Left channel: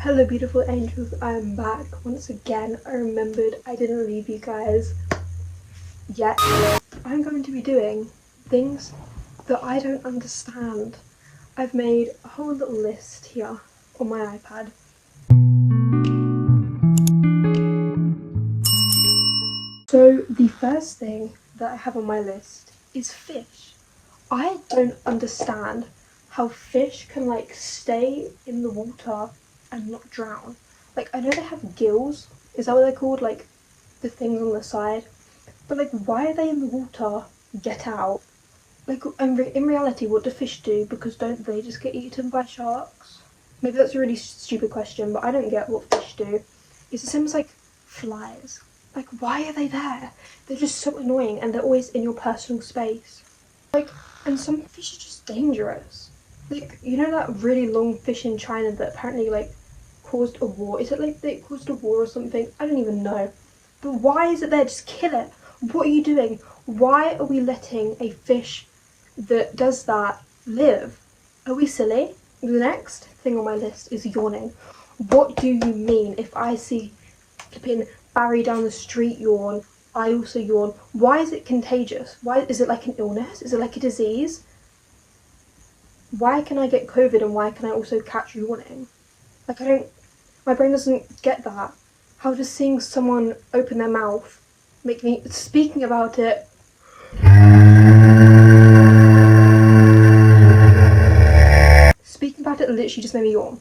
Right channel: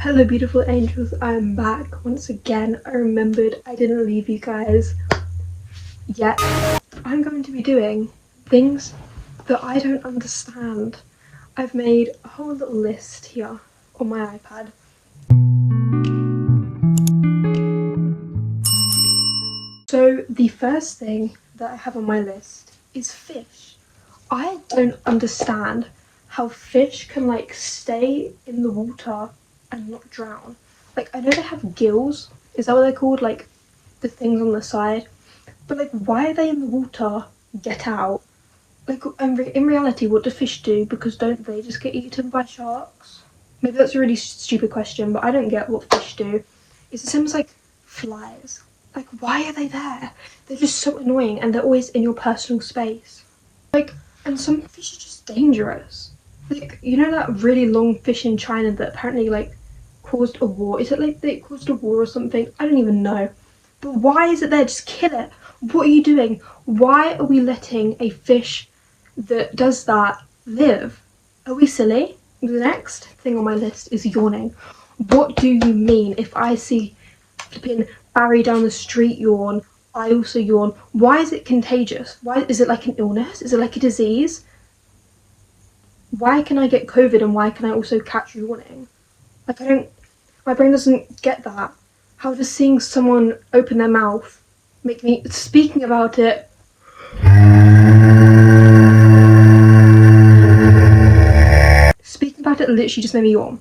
Hello beautiful angels, I'm back once again. I remembered I didn't leave you guys yet. I'm going to be doing things that I don't understand. I've made a whole little list here on my iPad. So the first thing that I have on my list is fish. I don't understand how fish can like stay in the water and not drown. Like, I know they have gills, is that what they're called? Like the things on the side. But like, why are they in the water? Get out. Like, in reality, what do fish do? Because don't they just get eaten by sharks? Maybe that's a really stupid question, but I don't get what fish do. It's the same as like flies. Like, why are they there? They're just so annoying and they're always in your personal space. Like, and some fish are just dangerous. Like, you know that really long fish in China that apparently like caused a war? Is it like they caused a war or something? I don't even know. But why is it there? Just kill it. What are you doing? Why are we letting a fish that does that live? Are we silly? The next thing on my list is yawning. What do you mean if I see flipping Barry down the street yawn, I also yawn? Why is it contagious? Why is it like an illness? Is it like a disease? Why can I get COVID and why can I also catch yawning? Like, my brain doesn't get that. How does seeing someone open their mouth make me, speaking about it, literally just made me yawn.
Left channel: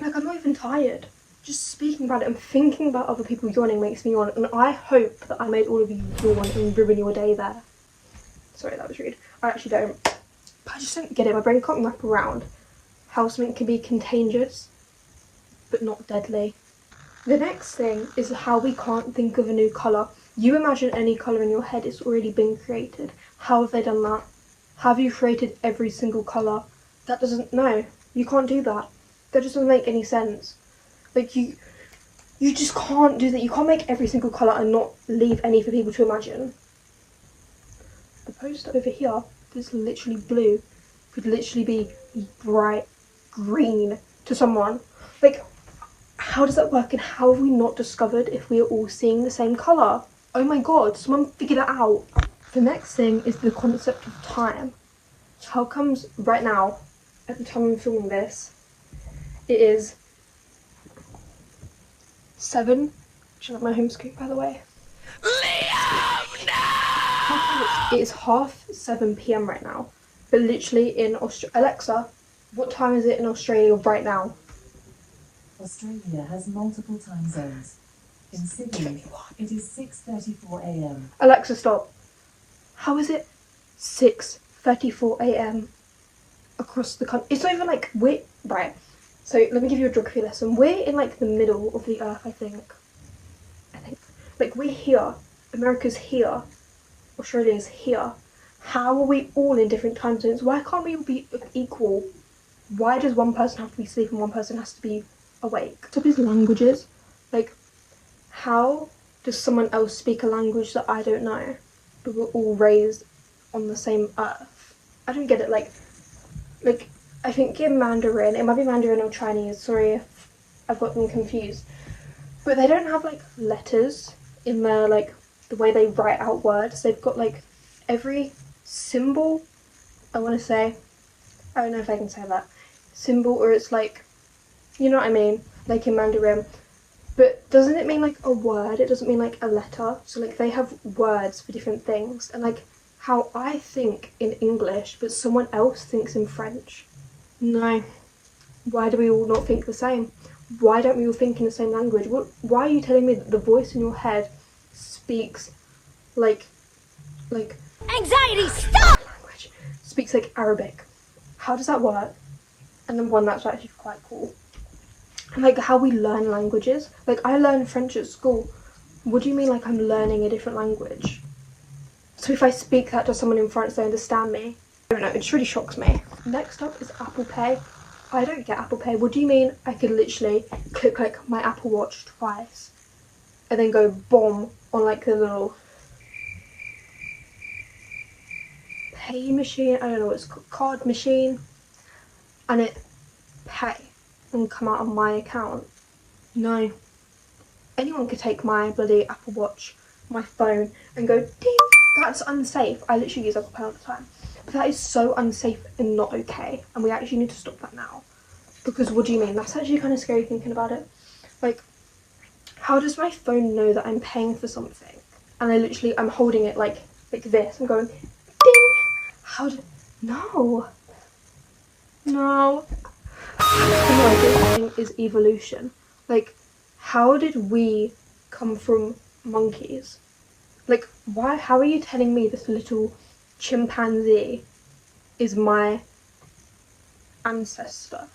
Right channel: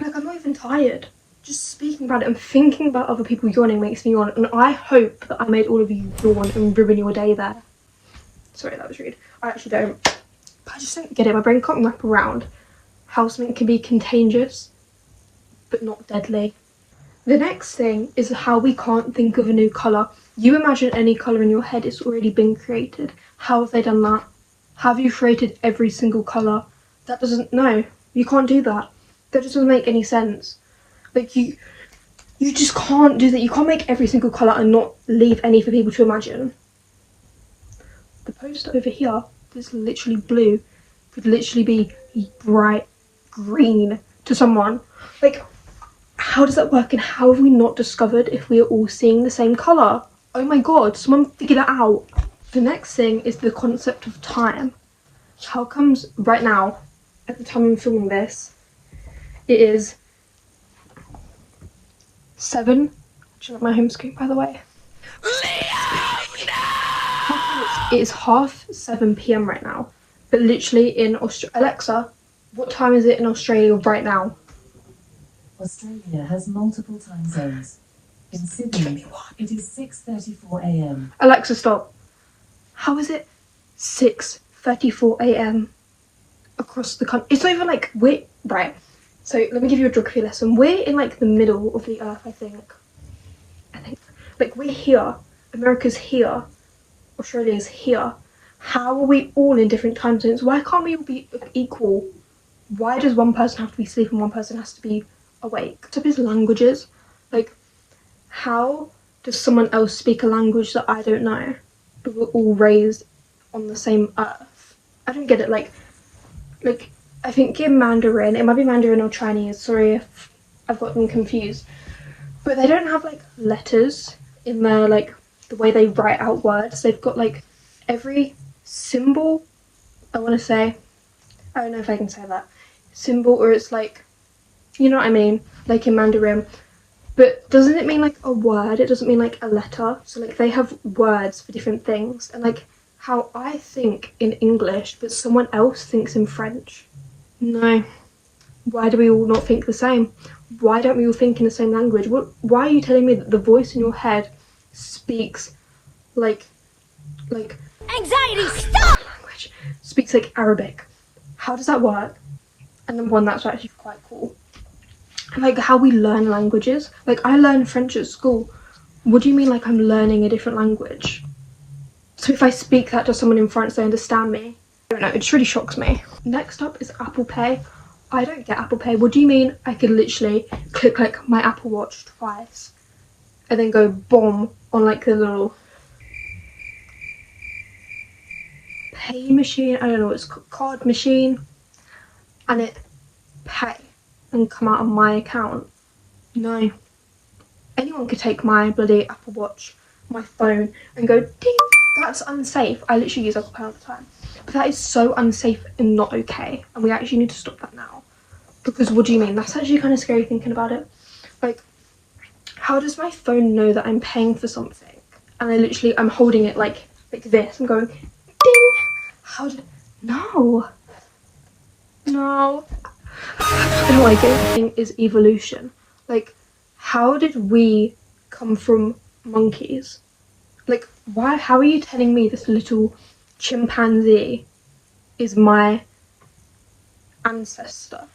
Like, I'm not even tired. Just speaking about it and thinking about other people yawning makes me yawn, and I hope that I made all of you yawn and ruin your day there. Sorry, that was rude. I actually don't. But I just don't get it. My brain can't wrap around how something can be contagious but not deadly. The next thing is how we can't think of a new colour. You imagine any colour in your head, it's already been created. How have they done that? Have you created every single colour? That doesn't, no, you can't do that. That doesn't make any sense. Like, you just can't do that. You can't make every single colour and not leave any for people to imagine. The poster over here that's literally blue could literally be bright green to someone. Like, how does that work, and how have we not discovered if we are all seeing the same colour? Oh my god, someone figure that out. The next thing is the concept of time. How comes right now, at the time I'm filming this, it is 7, which is not my home screen by the way. Liam, no! It is 7:30 PM right now, but literally in Alexa, what time is it in Australia right now? Australia has multiple time zones. In Sydney, it is 6:34 AM. Alexa, stop. How is it 6:34 AM across the country? It's not even like right. So let me give you a geography lesson. We're in like the middle of the earth, I think. Like, we're here, America's here, Australia's here. How are we all in different time zones? Why can't we all be equal? Why does one person have to be asleep and one person has to be awake? Top is languages. Like, how does someone else speak a language that I don't know, but we're all raised on the same earth? I don't get it. Like I think in Mandarin, it might be Mandarin or Chinese, sorry if I've got them confused, but they don't have like letters in their, like, the way they write out words. They've got like every symbol, I want to say, I don't know if I can say that, symbol, or it's like, you know what I mean, like in Mandarin. But doesn't it mean like a word? It doesn't mean like a letter. So like they have words for different things, and like how I think in English but someone else thinks in French. No. Why do we all not think the same? Why don't we all think in the same language? Why are you telling me that the voice in your head speaks like anxiety, stop! Language speaks like Arabic? How does that work? And then one that's actually quite cool. And like how we learn languages. Like, I learned French at school. What do you mean like I'm learning a different language? So if I speak that to someone in France, they understand me? I don't know, it just really shocks me. Next up is Apple Pay. I don't get Apple Pay. What do you mean I could literally click like my Apple Watch twice and then go boom on like the little pay machine, I don't know what it's called, card machine, and it pay? and come out on my account. No. Anyone could take my bloody Apple Watch, my phone, and go ding. That's unsafe. I literally use Apple Pay all the time. But that is so unsafe and not okay. And we actually need to stop that now. Because what do you mean? That's actually kind of scary thinking about it. Like, how does my phone know that I'm paying for something? And I'm holding it like this. I'm going ding. How did... No. No. No idea. Thing is evolution. Like, how did we come from monkeys? Like, why? How are you telling me this little chimpanzee is my ancestor?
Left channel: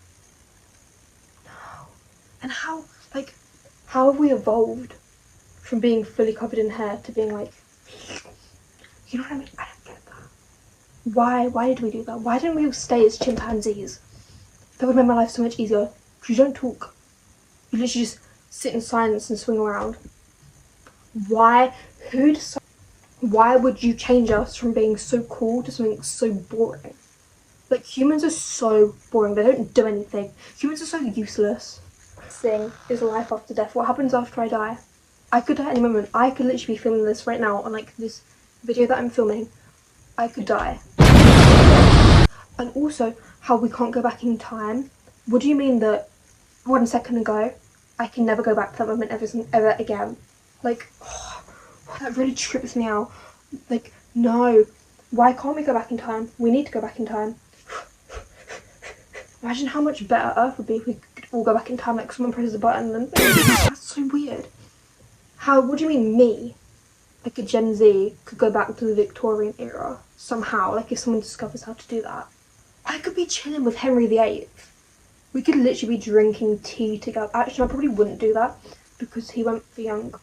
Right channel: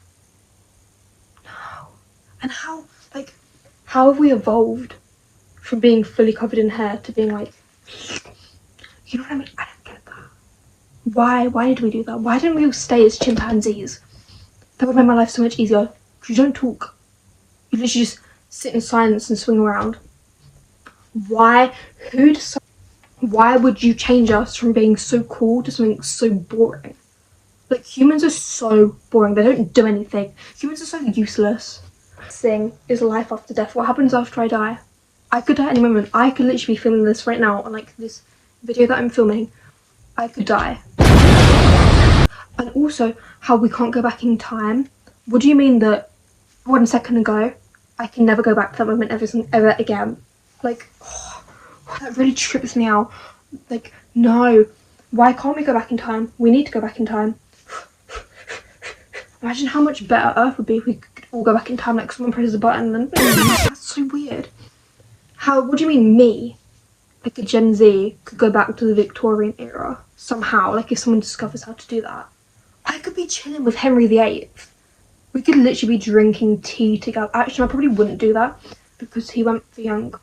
No. And how have we evolved from being fully covered in hair to being like, you know what I mean? I don't get that. Why did we do that? Why didn't we all stay as chimpanzees? That would make my life so much easier. Because you don't talk. You literally just sit in silence and swing around. Why would you change us from being so cool to something so boring? Like, humans are so boring. They don't do anything. Humans are so useless. Thing is life after death. What happens after I die? I could die at any moment. I could literally be filming this right now on like this video that I'm filming. I could die. And also, how we can't go back in time. What do you mean that 1 second ago I can never go back to that moment ever again? Like, oh, that really trips me out. Like, no. Why can't we go back in time? We need to go back in time. Imagine how much better Earth would be if we could all go back in time, like someone presses a button and then... That's so weird. What do you mean me, like a Gen Z, could go back to the Victorian era somehow? Like, if someone discovers how to do that. I could be chilling with Henry VIII. We could literally be drinking tea together. Actually, I probably wouldn't do that because he went for young.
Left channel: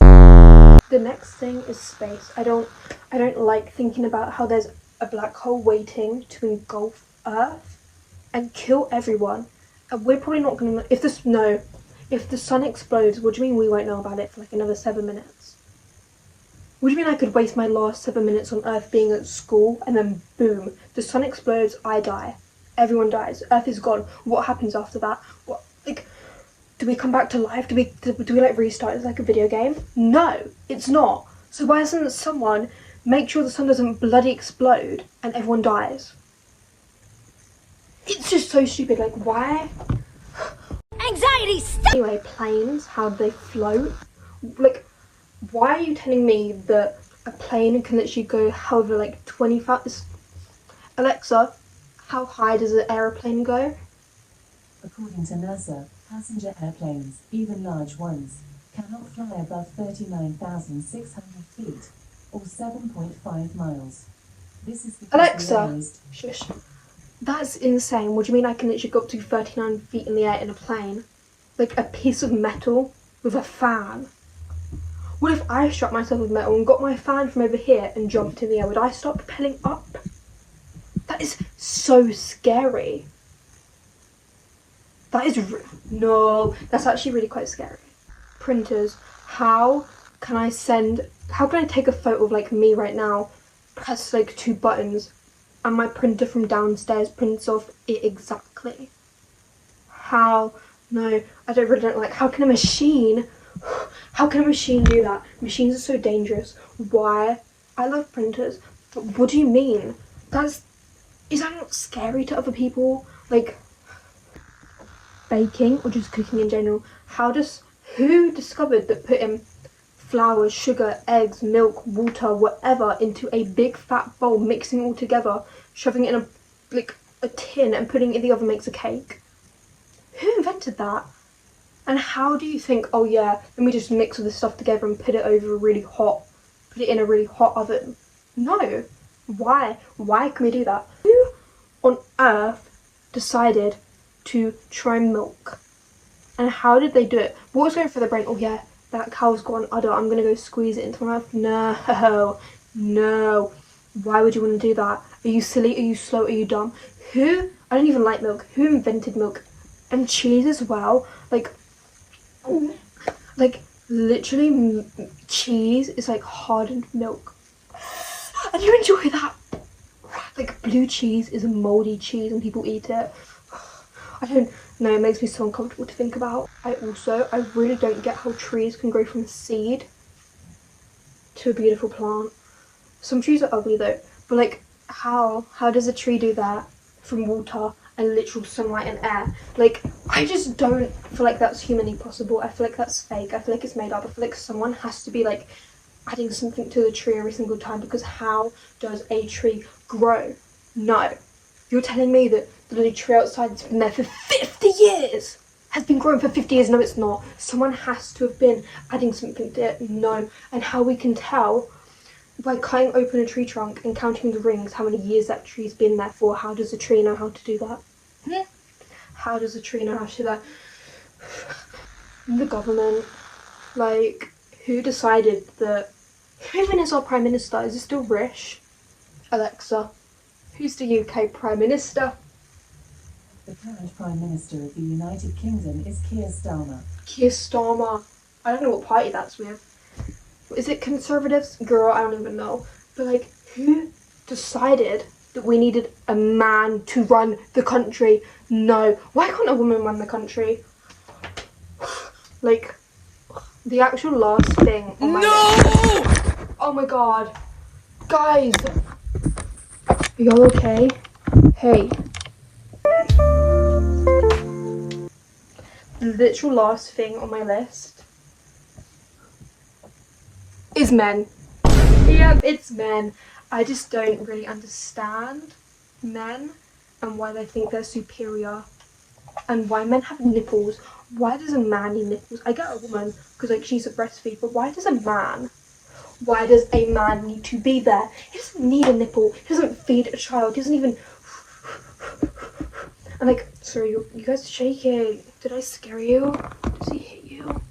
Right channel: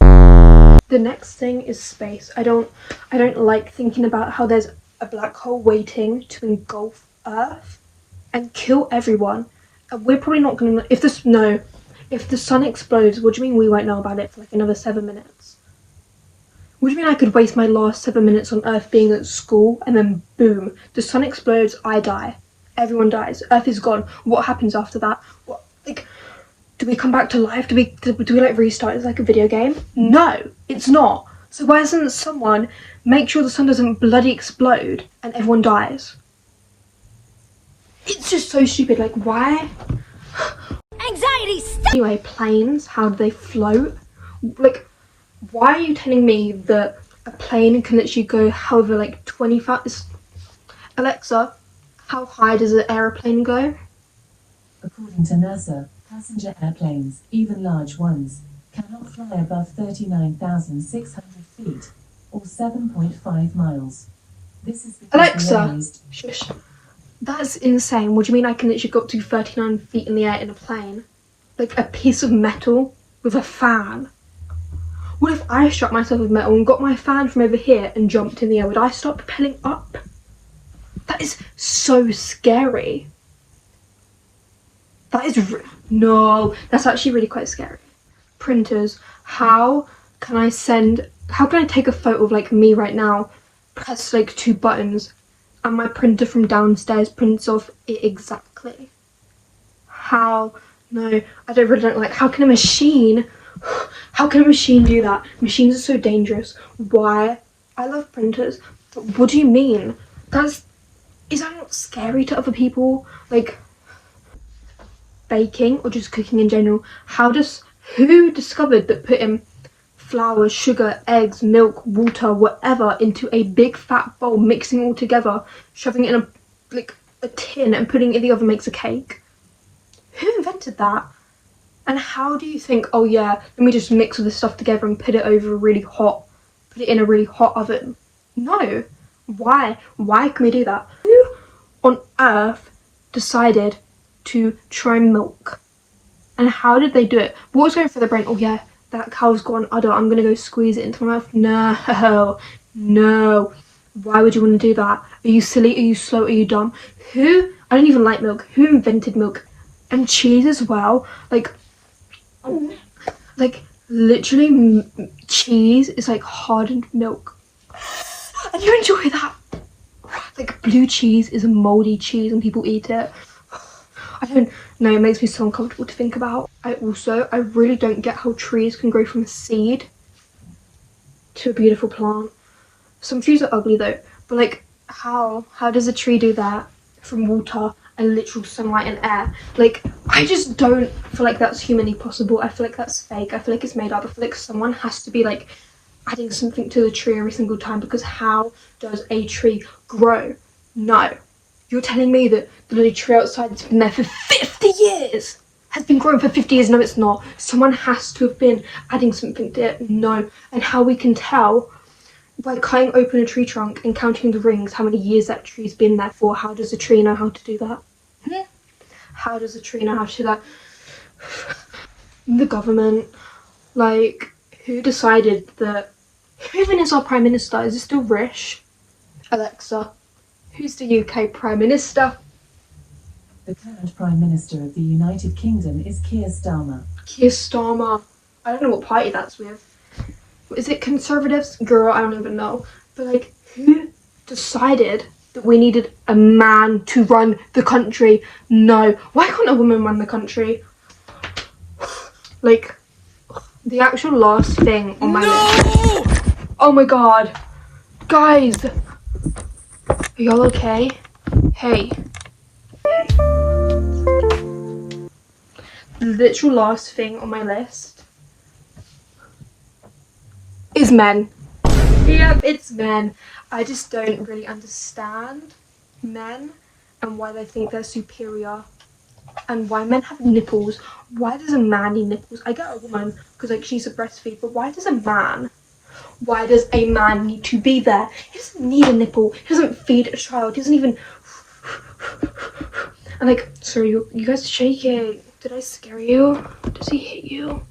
The next thing is space. I don't like thinking about how there's a black hole waiting to engulf Earth and kill everyone. And we're probably not gonna, if the sun explodes, what do you mean we won't know about it for like another 7 minutes? What do you mean I could waste my last 7 minutes on Earth being at school and then boom, the sun explodes, I die. Everyone dies. Earth is gone. What happens after that? What, like, do we come back to life? Do we like restart as like a video game? No, it's not. So why doesn't someone make sure the sun doesn't bloody explode and everyone dies? It's just so stupid. Like, why? Anxiety, stop! Anyway, planes, how do they float? Like, why are you telling me that a plane can literally go however like 25? Alexa, how high does an aeroplane go? According to NASA, passenger airplanes, even large ones, cannot fly above 39,600 feet, or 7.5 miles. This is Alexa, shush. That's insane. What do you mean I can literally go up to 39 feet in the air in a plane? Like a piece of metal with a fan. What if I struck myself with metal and got my fan from over here and jumped in the air? Would I start propelling up? That is so scary. That is no, that's actually really quite scary. Printers, how can I take a photo of like me right now, press like 2 buttons, and my printer from downstairs prints off it exactly? How? No, I really don't like, how can a machine do that? Machines are so dangerous. Why? I love printers, but what do you mean? Is that not scary to other people? Like, baking or just cooking in general, who discovered that putting flour, sugar, eggs, milk, water, whatever into a big fat bowl, mixing all together, shoving it in a tin and putting it in the oven makes a cake? Who invented that? And how do you think, oh yeah, let me just mix all this stuff together and put it in a really hot oven? No. Why can we do that? Who on earth decided to try milk? And how did they do it? What was going through their brain? Oh yeah, that cow's got an udder, I'm gonna go squeeze it into my mouth. No. Why would you want to do that? Are you silly? Are you slow? Are you dumb? I don't even like milk. Who invented milk? And cheese as well. Like literally cheese is like hardened milk. And you enjoy that? Like blue cheese is a moldy cheese and people eat it. I don't know, it makes me so uncomfortable to think about. I really don't get how trees can grow from a seed to a beautiful plant. Some trees are ugly though, but like how does a tree do that from water and literal sunlight and air? Like, I just don't feel like that's humanly possible. I feel like that's fake. I feel like it's made up. I feel like someone has to be like adding something to the tree every single time, because how does a tree grow? No. You're telling me that the little tree outside that's been there for 50 years has been growing for 50 years? No, it's not. Someone has to have been adding something to it. No. And how we can tell by cutting open a tree trunk and counting the rings, how many years that tree's been there for. How does a tree know how to do that? How does a tree know how to do that? The government. Like, who decided that? Who even is our Prime Minister? Is it still Rishi? Alexa, who's the UK Prime Minister? The current Prime Minister of the United Kingdom is Keir Starmer. Keir Starmer. I don't know what party that's with. Is it Conservatives? Girl, I don't even know. But like, who decided that we needed a man to run the country? No. Why can't a woman run the country? Like, the actual last thing on my list. Oh my god. Guys. Are y'all okay? Hey. The literal last thing on my list is men. Yep, it's men. I just don't really understand men and why they think they're superior and why men have nipples. Why does a man need nipples? I get a woman because like she's a breastfeed, but why does a man need to be there? He doesn't need a nipple. He doesn't feed a child. He doesn't even. And like, sorry, you guys are shaking. Did I scare you? Does he hit you?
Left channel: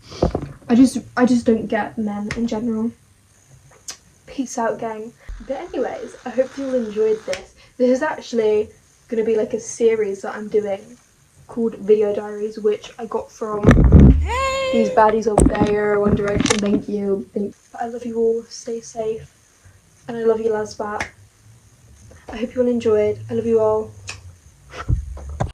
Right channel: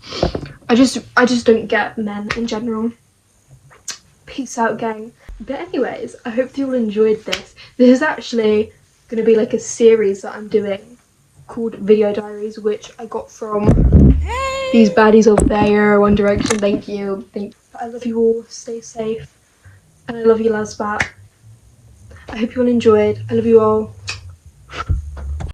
I just don't get men in general. Peace out, gang. But anyways, I hope you all enjoyed this. This is actually gonna be like a series that I'm doing called Video Diaries, which I got from these baddies over there, One Direction. Thank you. Thanks. I love you all. Stay safe. And I love you, Lasbat. I hope you all enjoyed. I love you all.